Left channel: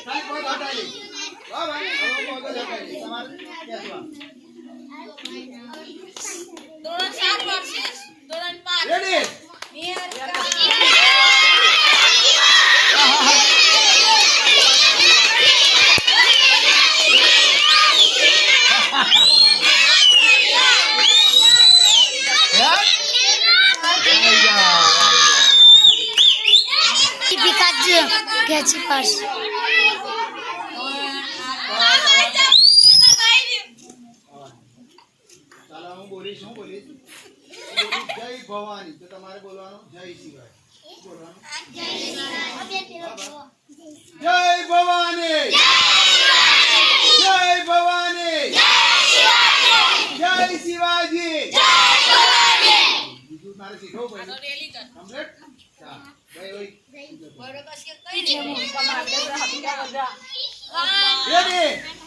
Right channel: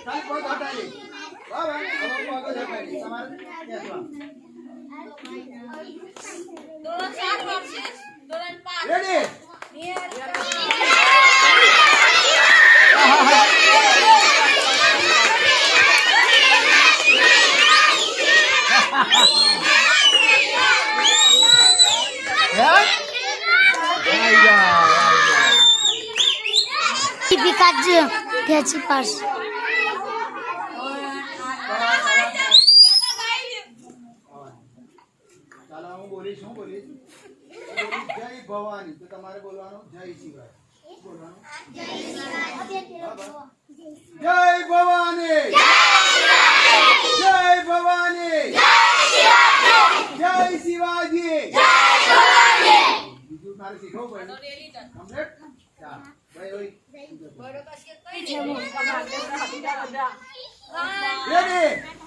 ખાલી પગ હટાવી વાહ ભાઈ હવે પગ જ હટાવી તમારે બેસવા ધોરણ 7 વર્સિસ ધોરણ 5 રેડી Catchy purse. ચાલો હું બોલીશ જય ભવાની તો તમારે બોલવાનું જય શિવાય બોલવાનું જય ભવાની જય ભવાની જય શિવાજી બીજું તારે શીખવું પડે કમ્પ્લીટ ચાલ ભાઈ ઓય રેડી